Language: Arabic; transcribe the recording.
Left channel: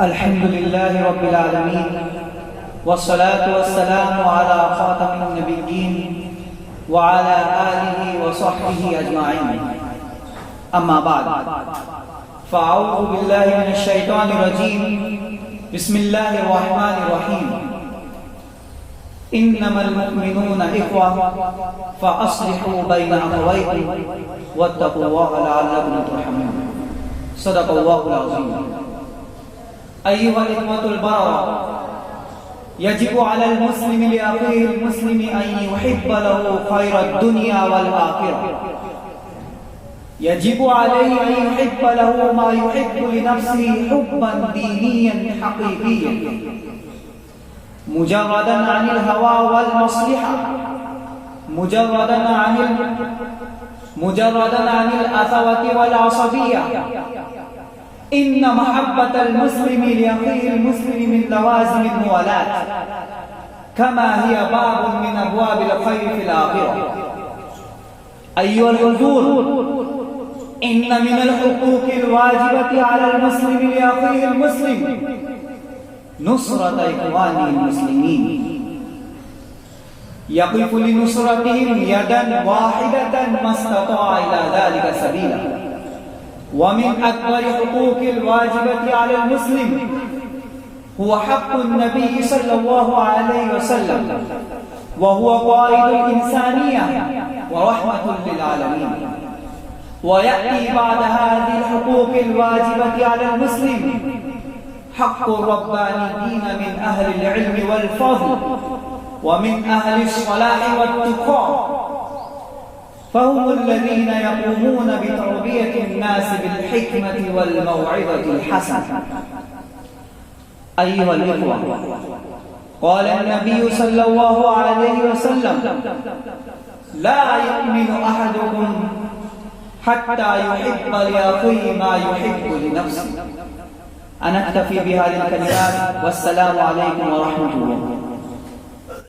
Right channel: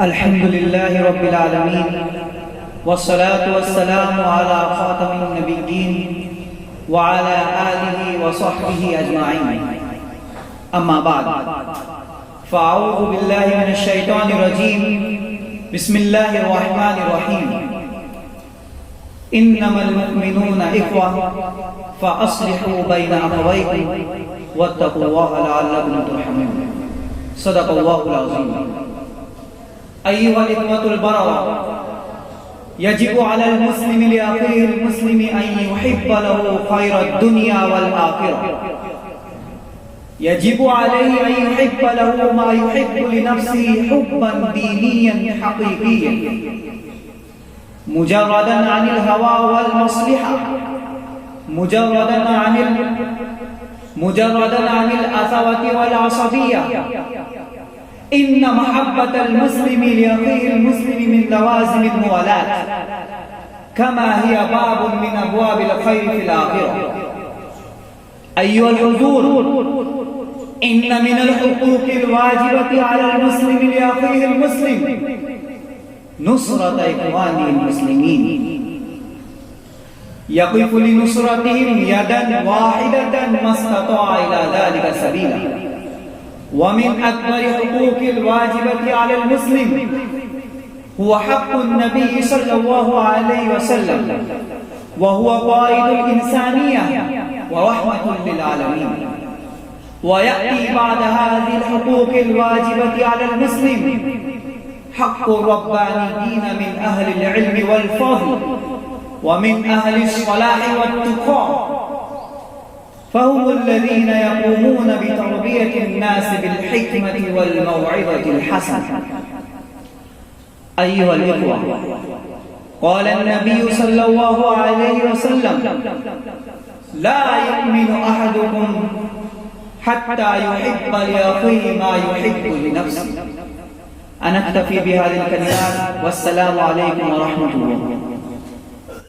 الحمد لله رب العالمين والصلاة والسلام على خاتم النبيين وعلى آله وصحبه أجمعين أما بعد فأعوذ بالله من الشيطان الرجيم بسم الله الرحمن الرحيم إنما المؤمنون إخوة فأصلحوا بين أخويكم واتقوا الله لعلكم ترحمون صدق الله العظيم أيها الإخوة البررة يجب على المسلم لأخيه المسلم أن يحب له خير الدنيا والآخرة يجب عليه أن يحب له ما يحب لنفسه حبا دينيا حقيقيا مجردا عن الهوى والمصلحة مجردا عن الأثوة والعصبية إن محبة المسلم لأخيه المسلم من لوازم الموالاة كما هي باب من أبواب الخير في الآخرة أيها الحضور إن من الحقوق الواجبة على المسلم لأخيه المسلم نصرة إخوانه المسلمين يقف لنصرتهم يدا واحدة ما استطاع إلى ذلك سبيلا ومن أكبر حقوق الواجبة على المسلم هو حق النبي صلى الله عليه وسلم وهو قائد الإنسانية ورحمة للعالمين ويأتي بعد هذه الحقوق الواجبة على المسلم حق الربانيين من أهل العلم والفضل ومن أهل الصلاح والتقى فهم الذين يقومون بتربية الناس بالحكمة والموعظة الحسنة أيها الإخوة قال النبي صلى الله عليه وسلم لا يؤمن أحدكم حتى يحب لأخيه ما يحب لنفسه. أنا أكتفي بهذه الكلمات والسلام عليكم ورحمة الله.